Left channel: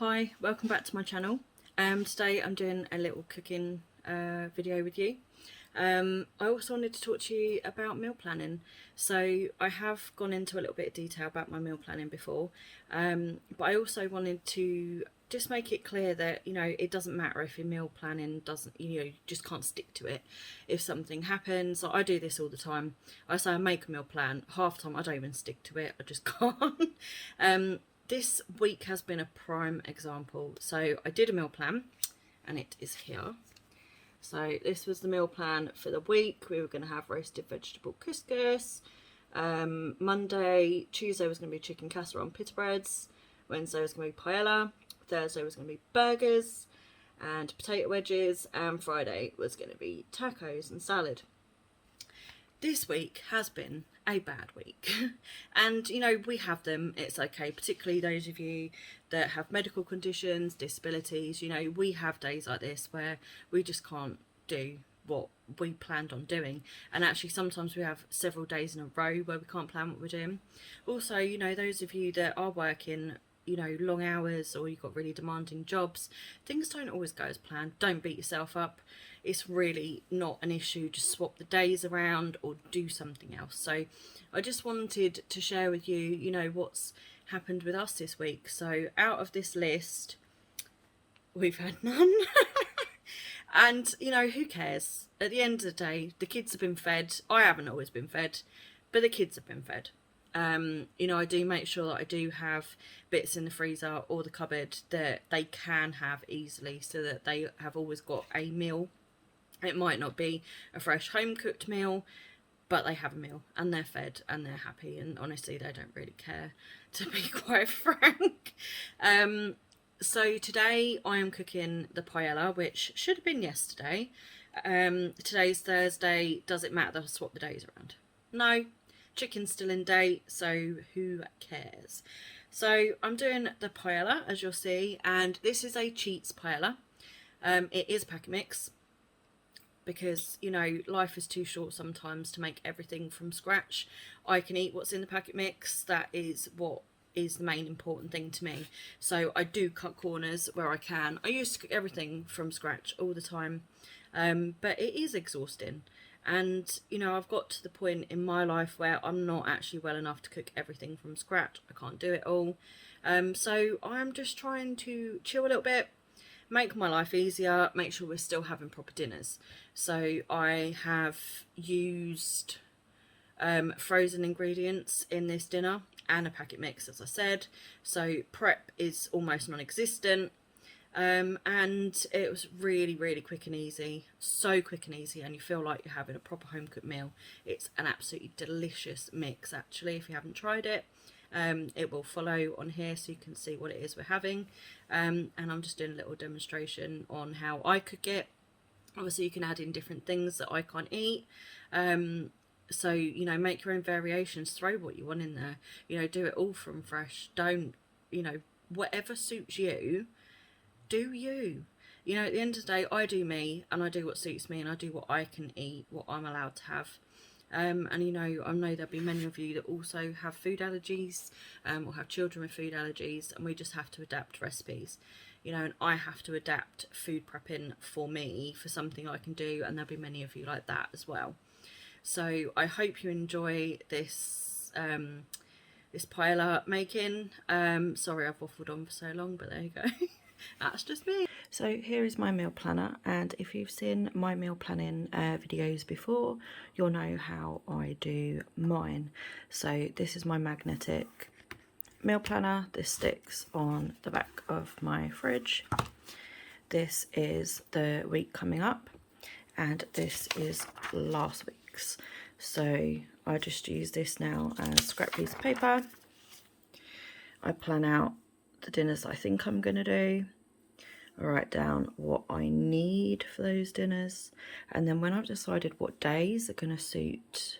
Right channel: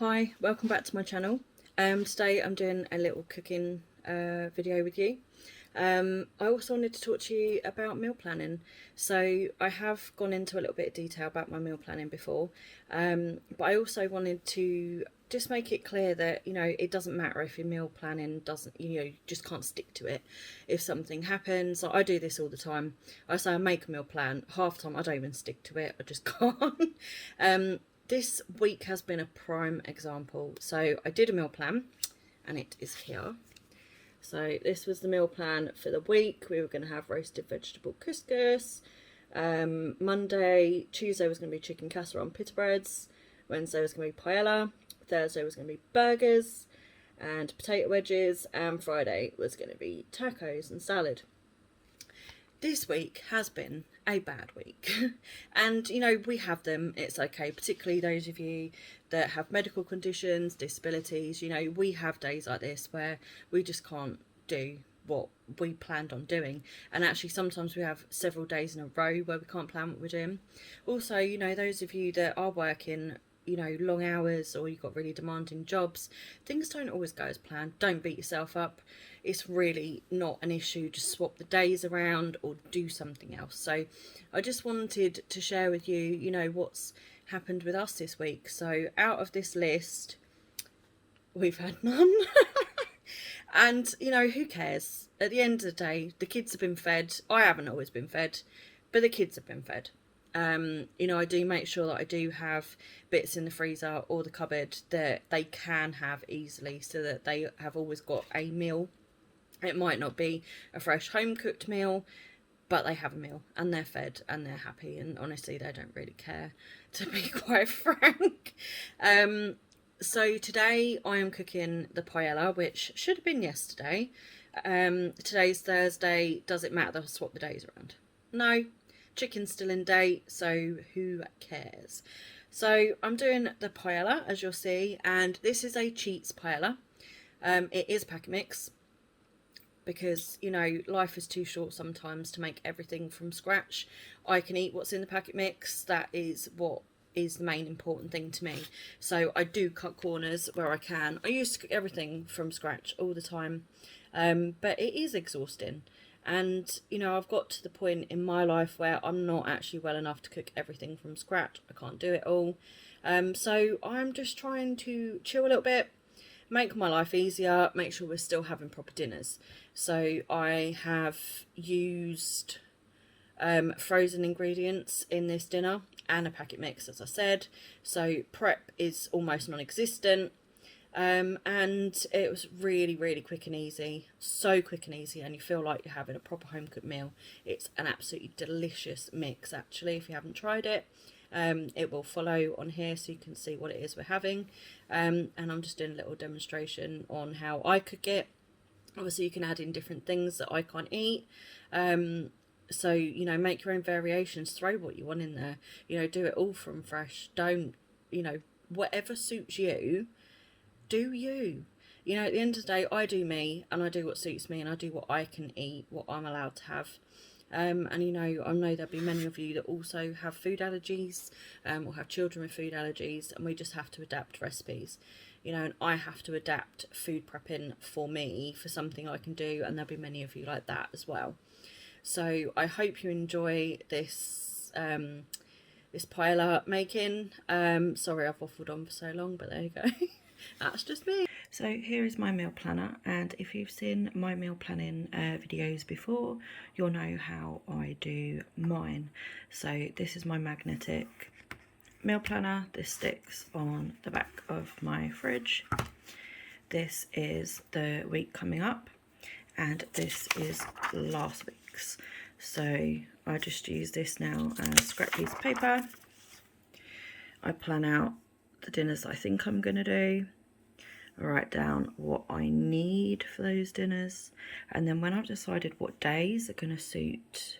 Hi, welcome back to my channel. Today I'm doing a little cooking video with you. I also wanted to talk to you about meal planning. So I have gone into a little bit of detail about my meal planning before, but I also wanted to just make it clear that, it doesn't matter if your meal planning doesn't, you just can't stick to it. If something happens, like I do this all the time. I say I make a meal plan, half the time I don't even stick to it, I just can't. This week has been a prime example. So I did a meal plan and it is here. So this was the meal plan for the week. We were going to have roasted vegetable couscous. Monday, Tuesday was going to be chicken casserole and pita breads. Wednesday was going to be paella. Thursday was going to be burgers and potato wedges. And Friday was going to be tacos and salad. This week has been a bad week. And, we have them. It's okay. Particularly those of you that have medical conditions, disabilities. We have days like this where we just can't do what we planned on doing. And actually sometimes we have several days in a row where we can't plan what we're doing. Also, those of you that are working long hours, or you've got really demanding jobs, things don't always go as planned. Don't beat yourself up. It's really not an issue. Just swap the days around or do something else. So I just wanted to share with you, what's happened with us this week. So out of this list, we've had none. And, who cares? At the end of the day, the kids have been fed. I haven't always been fed, but the kids have been fed. I do make sure that I do have bits in the freezer or the cupboard that they can have easily, so that they have always got a meal. It might not be a fresh home cooked meal, but they have a meal and they're fed and they're happy, and honestly they don't really care, to be quite frank. So today I am cooking the paella, which should have been yesterday. Today's Thursday. Does it matter that I swap the days around? No. Chicken's still in date, so who cares? So I'm doing the paella, as you'll see, and this is a cheats paella. It is packet mix, because life is too short sometimes to make everything from scratch. I can eat what's in the packet mix. That is what is the main important thing to me. So I do cut corners where I can. I used to cook everything from scratch all the time, but it is exhausting. And, I've got to the point in my life where I'm not actually well enough to cook everything from scratch. I can't do it all. So I'm just trying to chill a little bit, make my life easier, make sure we're still having proper dinners. So I have used frozen ingredients in this dinner and a packet mix, as I said. So prep is almost non-existent. And it was really, really quick and easy. So quick and easy, and you feel like you're having a proper home cooked meal. It's an absolutely delicious mix, actually. If you haven't tried it, it will follow on here so you can see what it is we're having. And I'm just doing a little demonstration on how I cook it. Obviously you can add in different things that I can't eat. So, make your own variations, throw what you want in there, do it all from fresh. Don't, whatever suits you, do you. At the end of the day, I do me, and I do what suits me, and I do what I can eat, what I'm allowed to have. And I know there'll be many of you that also have food allergies, or have children with food allergies, and we just have to adapt recipes. And I have to adapt food prepping for me, for something I can do, and there'll be many of you like that as well. So I hope you enjoy this this paella making. Sorry I've waffled on for so long, but there you go. That's just me. So here is my meal planner, and if you've seen my meal planning videos before, you'll know how I do mine. So this is my magnetic meal planner. This sticks on the back of my fridge. This is the week coming up, and this is last week's. So I just use this now as a scrap piece of paper. I plan out the dinners I think I'm going to do. I write down what I need for those dinners, and then when I've decided what days are going to suit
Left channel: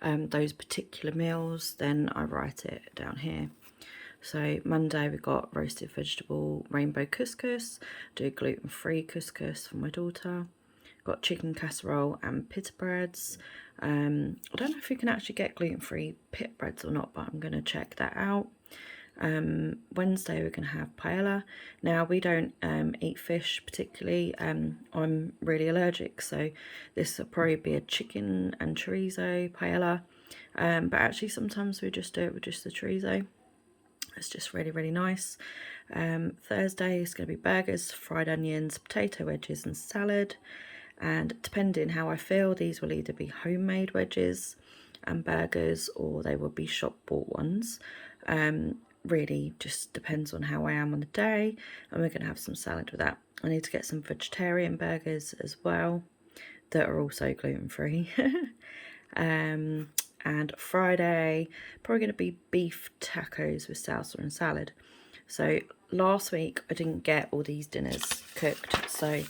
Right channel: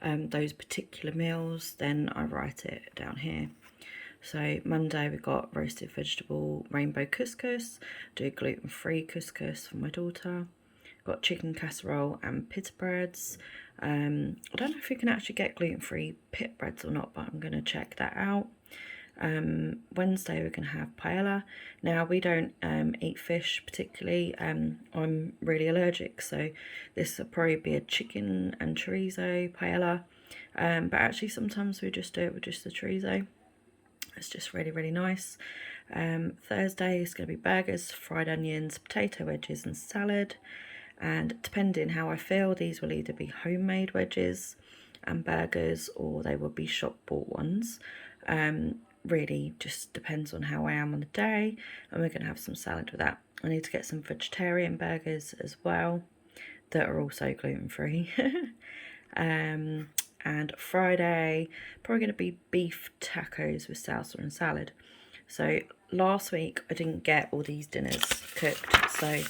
those particular meals, then I write it down here. So Monday we got roasted vegetable rainbow couscous, do gluten-free couscous for my daughter. Got chicken casserole and pita breads. I don't know if you can actually get gluten-free pita breads or not, but I'm going to check that out. Wednesday we're going to have paella. Now we don't eat fish particularly. I'm really allergic, so this will probably be a chicken and chorizo paella. But actually sometimes we just do it with just the chorizo. It's just really, really nice. Thursday is going to be burgers, fried onions, potato wedges and salad. And depending how I feel, these will either be homemade wedges and burgers, or they will be shop bought ones. Really just depends on how I am on the day, and we're going to have some salad with that. I need to get some vegetarian burgers as well that are also gluten-free. And Friday, probably going to be beef tacos with salsa and salad. So last week I didn't get all these dinners cooked, so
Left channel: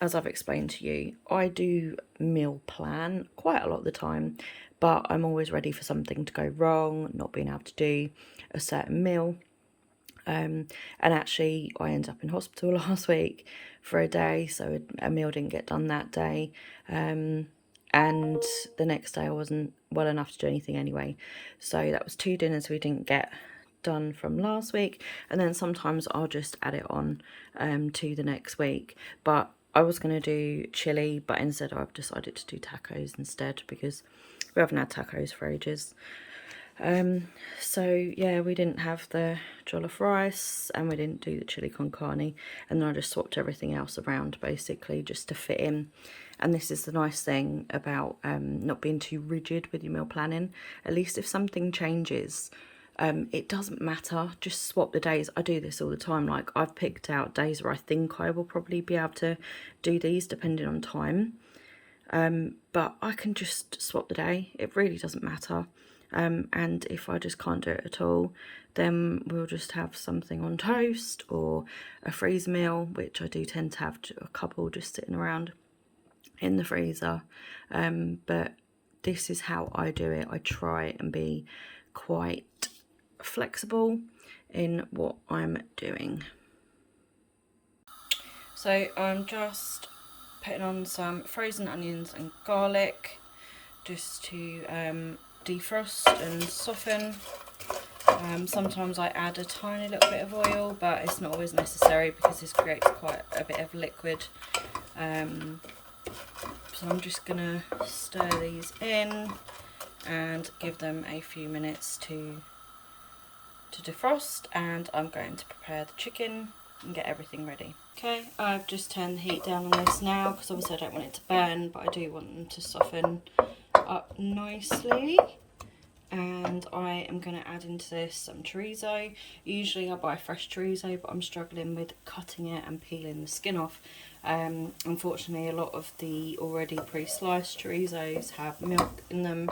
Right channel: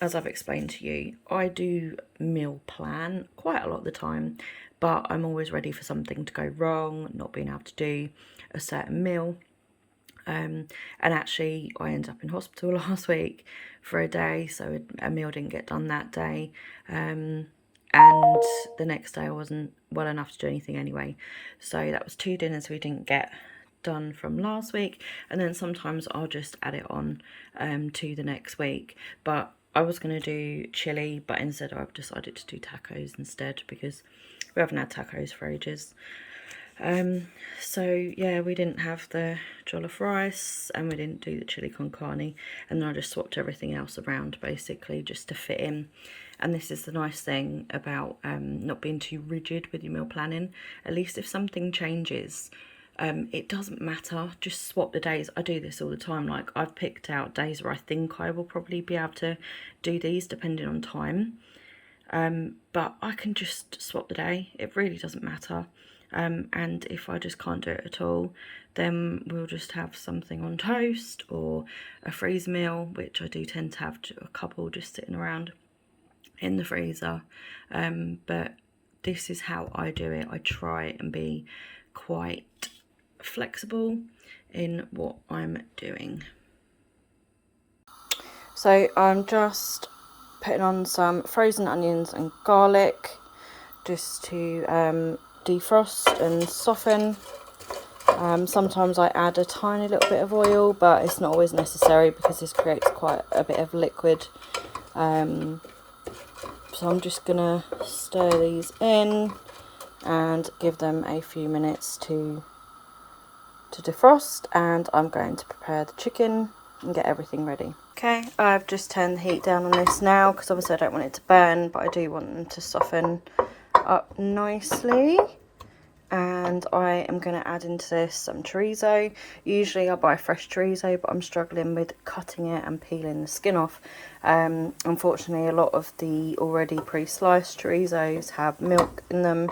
as I've explained to you, I do meal plan quite a lot of the time, but I'm always ready for something to go wrong, not being able to do a certain meal. And actually I ended up in hospital last week for a day, so a meal didn't get done that day. And the next day I wasn't well enough to do anything anyway. So that was 2 dinners we didn't get done from last week, and then sometimes I'll just add it on to the next week. But I was going to do chili, but instead I've decided to do tacos instead, because we haven't had tacos for ages. So yeah, we didn't have the jollof rice and we didn't do the chili con carne, and then I just swapped everything else around basically just to fit in. And this is the nice thing about not being too rigid with your meal planning. At least if something changes, it doesn't matter, just swap the days. I do this all the time. Like, I've picked out days where I think I will probably be able to do these depending on time, but I can just swap the day. It really doesn't matter. And if I just can't do it at all, then we'll just have something on toast or a freeze meal, which I do tend to have a couple just sitting around in the freezer. But this is how I do it. I try and be quite flexible in what I'm doing. So I'm just putting on some frozen onions and garlic just to defrost and soften. Sometimes I add a tiny little bit of oil, but it's not always necessary because this creates quite a bit of liquid. So I'm just gonna stir these in and give them a few minutes to defrost, and I'm going to prepare the chicken and get everything ready. Okay, I've just turned the heat down on this now because obviously I don't want it to burn, but I do want them to soften up nicely. And I am going to add into this some chorizo. Usually I buy fresh chorizo, but I'm struggling with cutting it and peeling the skin off. Unfortunately, a lot of the already pre-sliced chorizos have milk in them,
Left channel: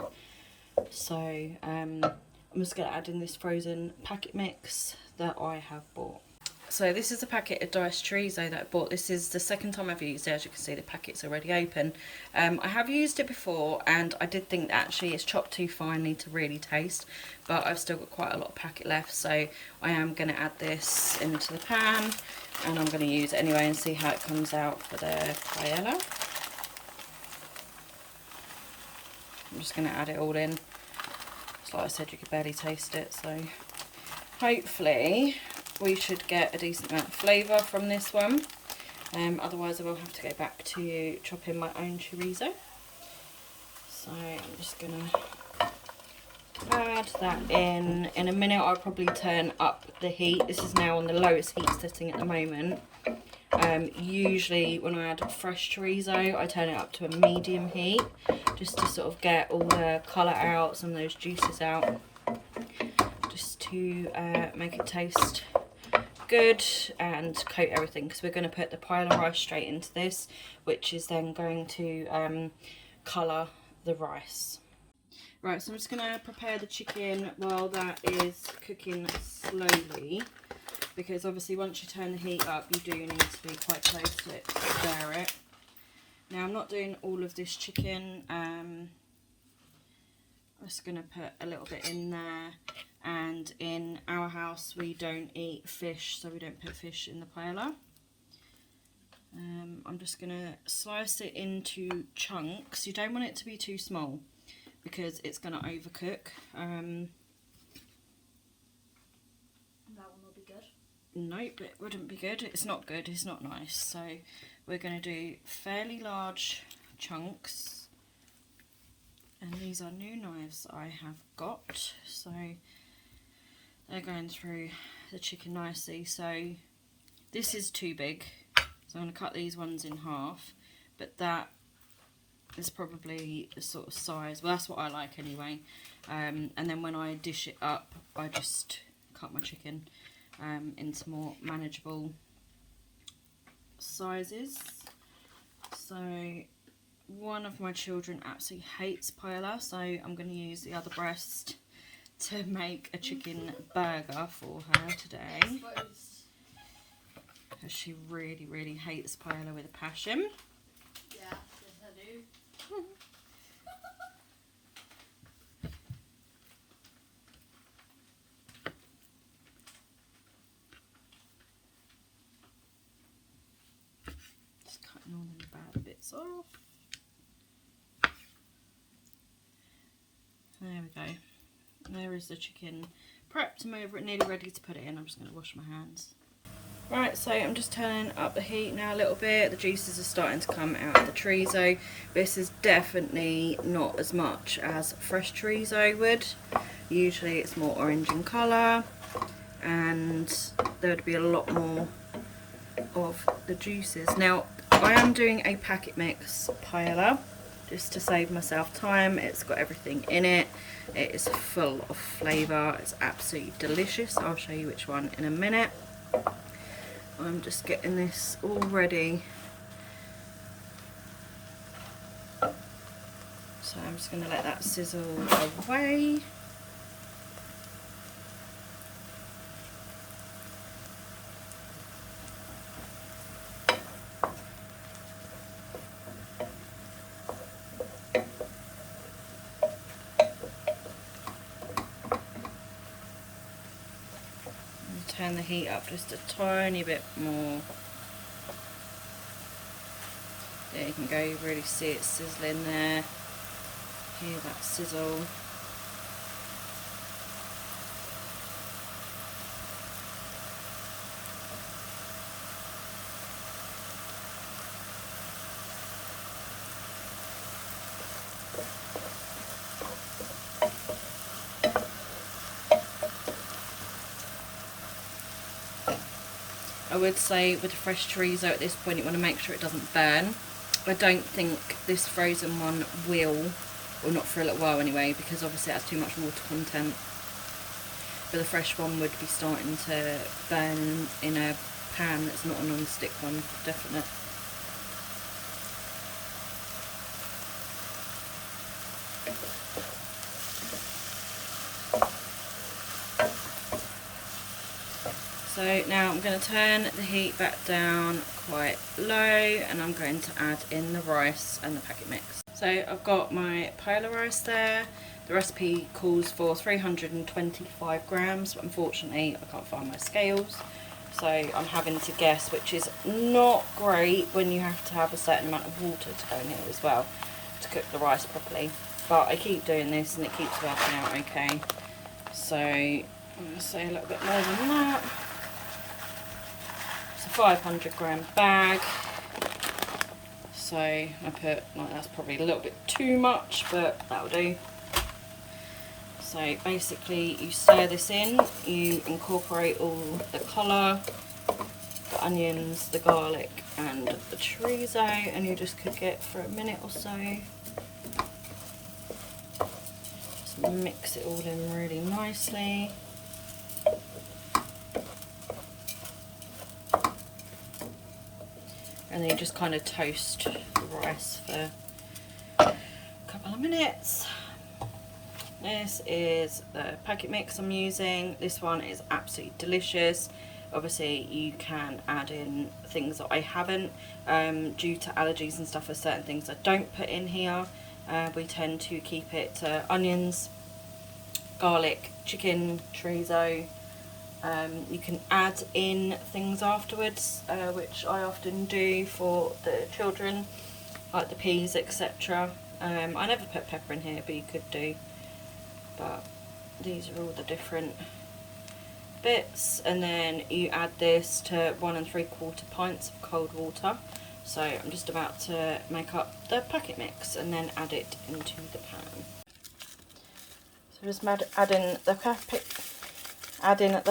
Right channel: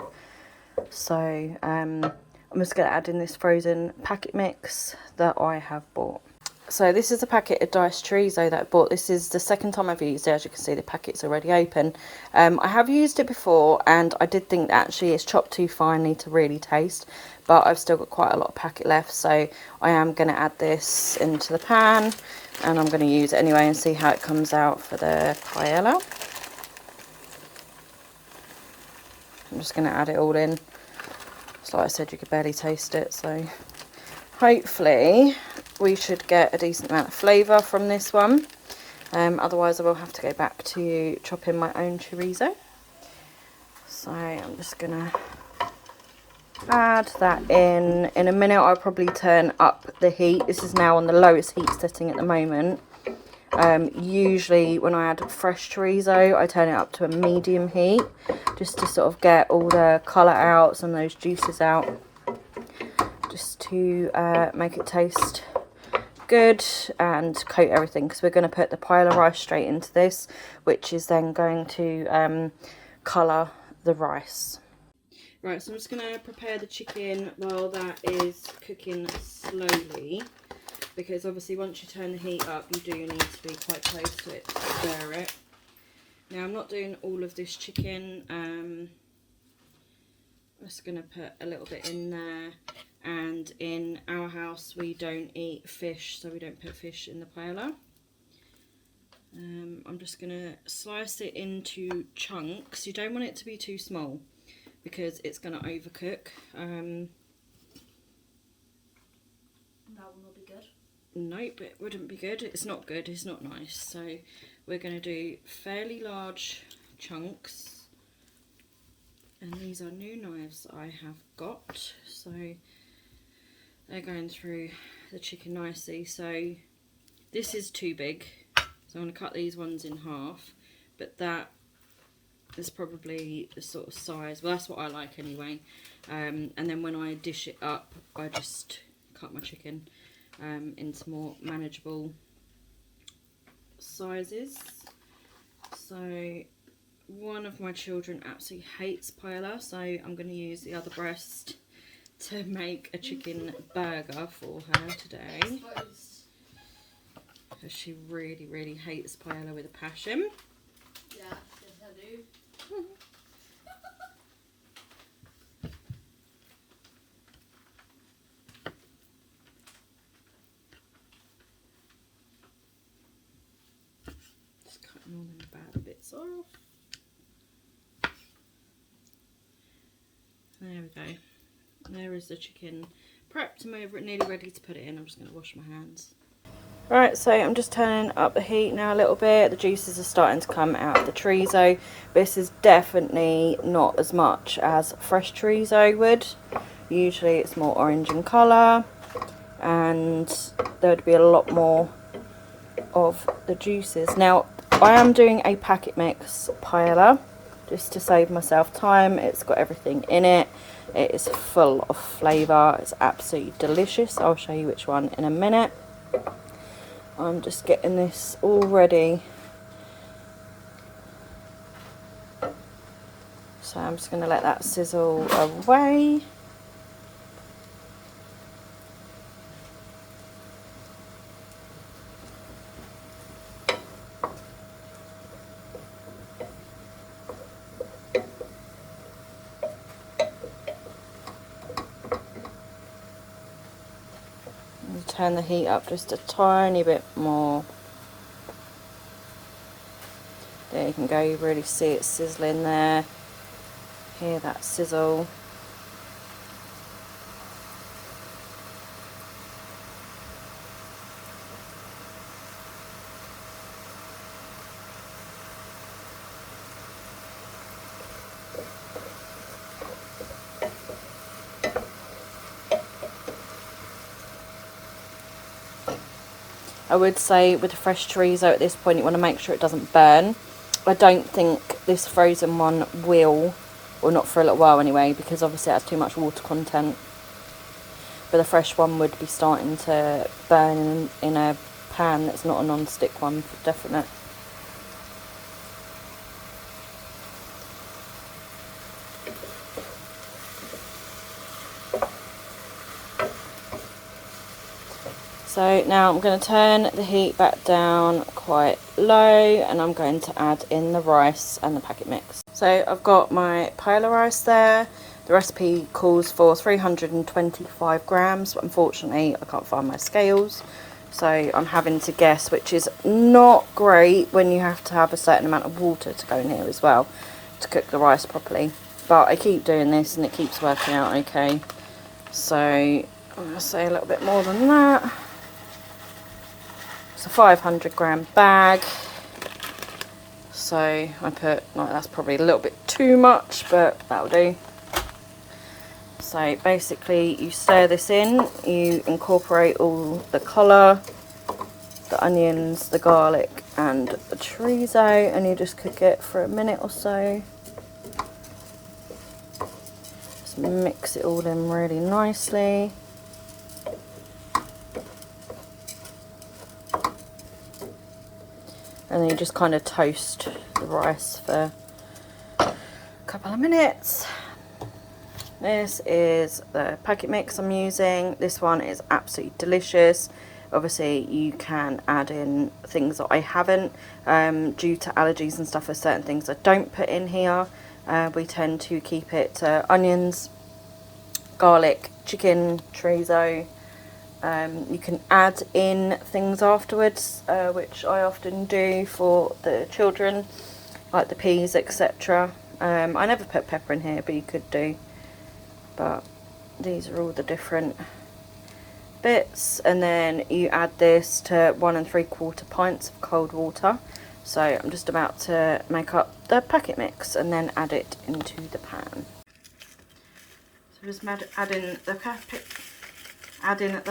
so I'm just going to add in this frozen packet mix that I have bought. So this is a packet of diced chorizo that I bought. This is the second time I've used it. As you can see, the packet's already open. I have used it before, and I did think that actually it's chopped too finely to really taste, but I've still got quite a lot of packet left, so I am going to add this into the pan, and I'm going to use it anyway and see how it comes out for the paella. I'm just going to add it all in. So like I said, you could barely taste it, so hopefully we should get a decent amount of flavour from this one. Otherwise I will have to go back to chopping my own chorizo. So I'm just going to add that in. In a minute I'll probably turn up the heat. This is now on the lowest heat setting at the moment. Usually when I add fresh chorizo I turn it up to a medium heat just to sort of get all the colour out, some of those juices out, just to make it taste good and coat everything, because we're going to put the paella rice straight into this, which is then going to colour the rice. Right, so I'm just going to prepare the chicken while that is cooking slowly, because obviously once you turn the heat up you do need to be quite close to it to stir it. Now I'm not doing all of this chicken, I'm just going to put a little bit in there. And in our house we don't eat fish, so we don't put fish in the paella. I'm just going to slice it into chunks. You don't want it to be too small because it's going to overcook. Nope, it wouldn't be good. It's not good, it's not nice. So we're going to do fairly large chunks. And these are new knives I have got. So they're going through the chicken nicely. So this is too big. So I'm going to cut these ones in half. But that is probably the sort of size. Well, that's what I like anyway. And then when I dish it up, I just cut my chicken into more manageable sizes. So one of my children absolutely hates paella, so I'm going to use the other breast to make a chicken burger for her today, because she really hates paella with a passion. Yeah, yes I do. Just cutting all the bad bits off. There we go. There is the chicken prepped and over it, nearly ready to put it in. I'm just going to wash my hands. Right, so I'm just turning up the heat now a little bit. The juices are starting to come out of the chorizo. This is definitely not as much as fresh chorizo would. Usually it's more orange in colour, and there would be a lot more of the juices. Now, I am doing a packet mix paella, just to save myself time. It's got everything in it. It is full of flavour. It's absolutely delicious. I'll show you which one in a minute. I'm just getting this all ready. So I'm just going to let that sizzle away. Turn the heat up just a tiny bit more. There you can go, you really see it sizzling there. Hear that sizzle. I would say with the fresh chorizo at this point you want to make sure it doesn't burn. I don't think this frozen one will, or not for a little while anyway, because obviously it has too much water content. But the fresh one would be starting to burn in a pan that's not a non-stick one, for definite. So now I'm going to turn the heat back down quite low, and I'm going to add in the rice and the packet mix. So I've got my paella rice there. The recipe calls for 325 grams, but unfortunately I can't find my scales. So I'm having to guess, which is not great when you have to have a certain amount of water to go in here as well to cook the rice properly. But I keep doing this and it keeps working out okay. So I'm going to say a little bit more than that. It's a 500 gram bag, so I put, like, that's probably a little bit too much, but that'll do. So basically you stir this in, you incorporate all the colour, the onions, the garlic and the chorizo, and you just cook it for a minute or so. Just mix it all in really nicely. And then you just kind of toast the rice for a couple of minutes. This is the packet mix I'm using. This one is absolutely delicious. Obviously you can add in things that I haven't. Due to allergies and stuff, there's certain things I don't put in here. We tend to keep it to onions, garlic, chicken, chorizo. You can add in things afterwards, which I often do for the children, like the peas, etc. I never put pepper in here, but you could do. But these are all the different bits, and then you add this to 1 3/4 pints of cold water. So I'm just about to make up the packet mix and then add it into the pan. So just adding the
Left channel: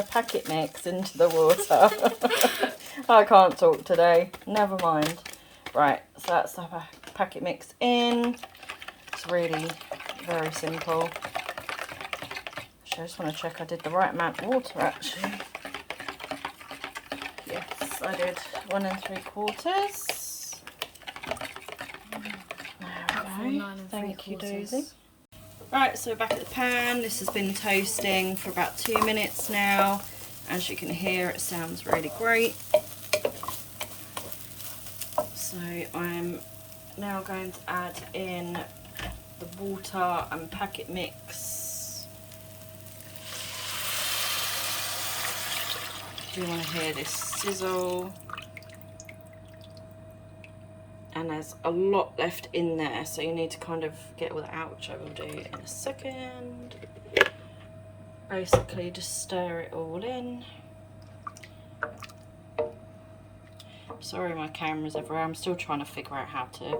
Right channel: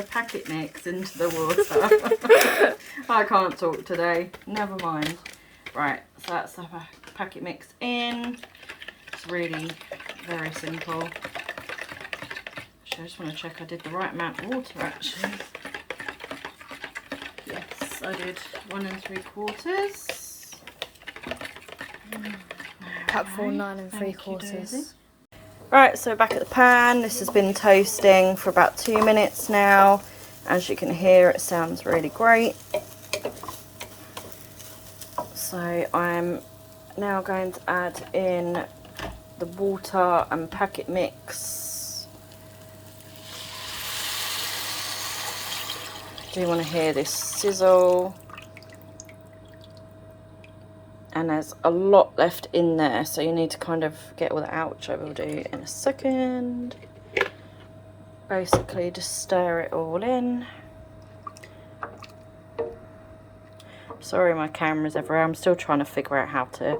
packet mix into the water. I can't talk today, never mind. Right, so that's the packet mix in. It's really very simple. I just want to check I did the right amount of water actually. Yes, I did 1 3/4. Cup for 9 3/4. Right, so back at the pan. This has been toasting for about 2 minutes now. As you can hear, it sounds really great. So I'm now going to add in the water and packet mix. Do you want to hear this sizzle? And there's a lot left in there, so you need to kind of get all that out, which I will do in a second. Basically just stir it all in. Sorry my camera's everywhere, I'm still trying to figure out how to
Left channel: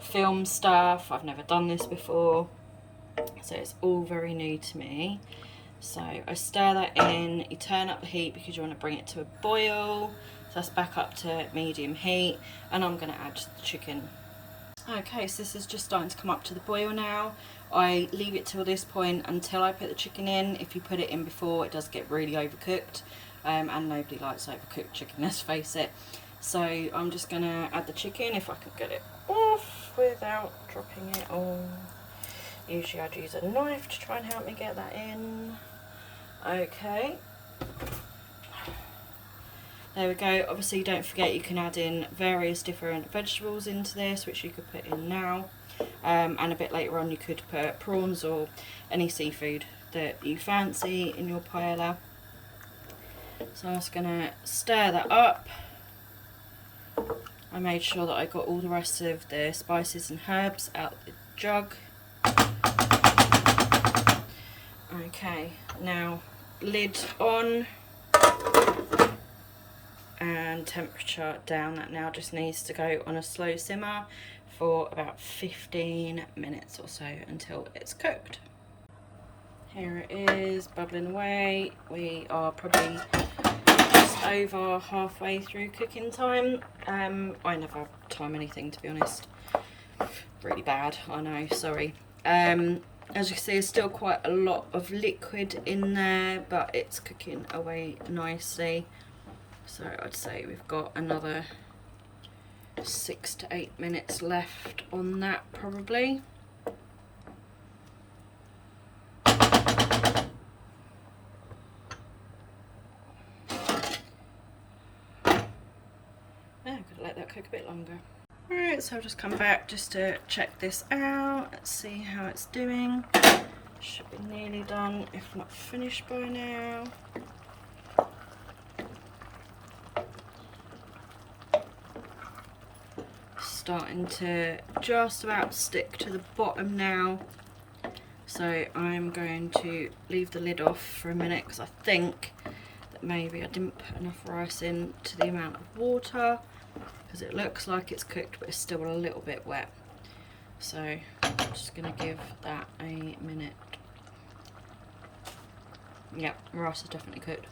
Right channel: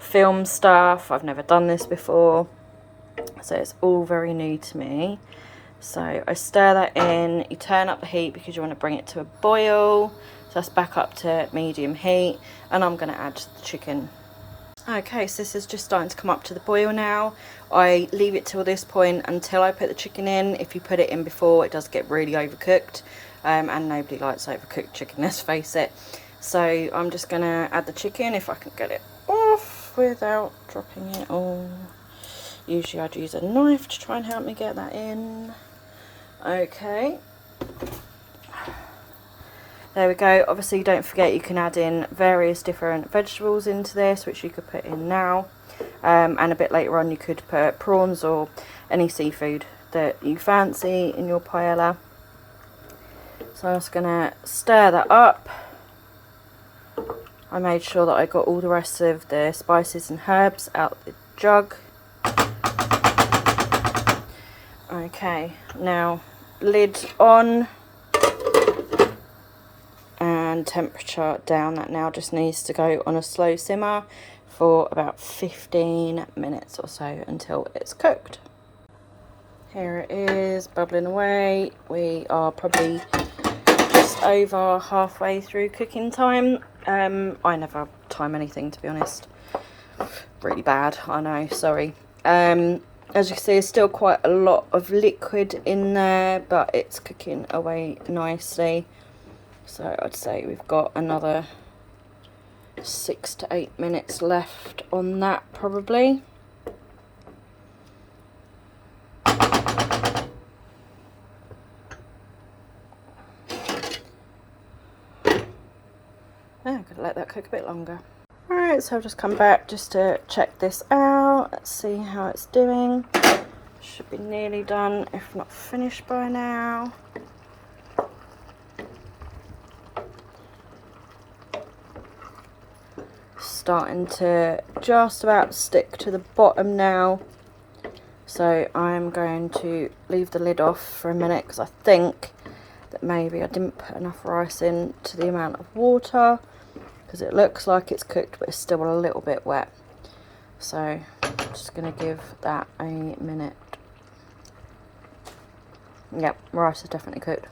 film stuff. I've never done this before, so it's all very new to me. So I stir that in, you turn up the heat because you want to bring it to a boil. So that's back up to medium heat, and I'm going to add the chicken. Okay, so this is just starting to come up to the boil now. I leave it till this point until I put the chicken in. If you put it in before, it does get really overcooked, and nobody likes overcooked chicken, let's face it. So I'm just going to add the chicken, if I can get it off without dropping it all. Usually I'd use a knife to try and help me get that in. Okay. There we go. Obviously don't forget you can add in various different vegetables into this, which you could put in now, and a bit later on you could put prawns or any seafood that you fancy in your paella. So I'm just going to stir that up. I made sure that I got all the rest of the spices and herbs out the jug. Okay, now lid on and temperature down. That now just needs to go on a slow simmer for about 15 minutes or so until it's cooked. Here it is, bubbling away. We are probably just over halfway through cooking time. I never time anything, to be honest. Really bad, I know, sorry. As you can see, there's still quite a lot of liquid in there, but it's cooking away nicely. So I'd say we've got another 6 to 8 minutes left on that, probably. I'm going to let that cook a bit longer. Alright, so I've just come back just to check this out. Let's see how it's doing. Should be nearly done, if not finished by now. Starting to just about stick to the bottom now. So I'm going to leave the lid off for a minute because I think that maybe I didn't put enough rice in to the amount of water, because it looks like it's cooked but it's still a little bit wet. So I'm just going to give that a minute. Yep, rice is definitely cooked.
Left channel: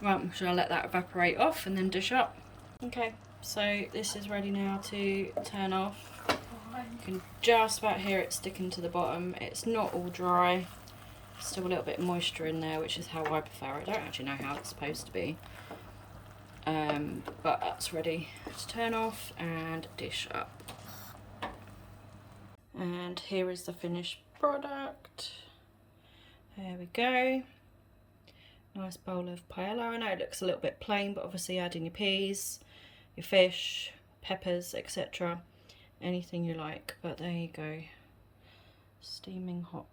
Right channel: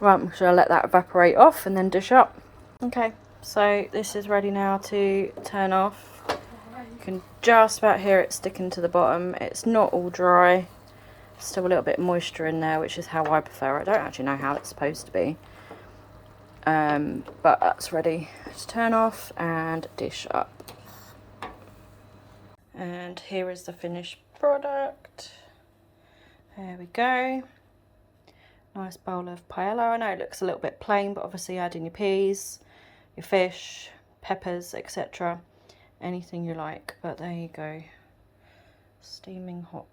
Right, I'm sure I'll let that evaporate off and then dish up. Okay, so this is ready now to turn off. You can just about hear it sticking to the bottom. It's not all dry. Still a little bit of moisture in there, which is how I prefer it. I don't actually know how it's supposed to be. But that's ready to turn off and dish up. And here is the finished product. There we go. Nice bowl of paella. I know it looks a little bit plain, but obviously add in your peas, your fish, peppers, etc. Anything you like. But there you go. Steaming hot.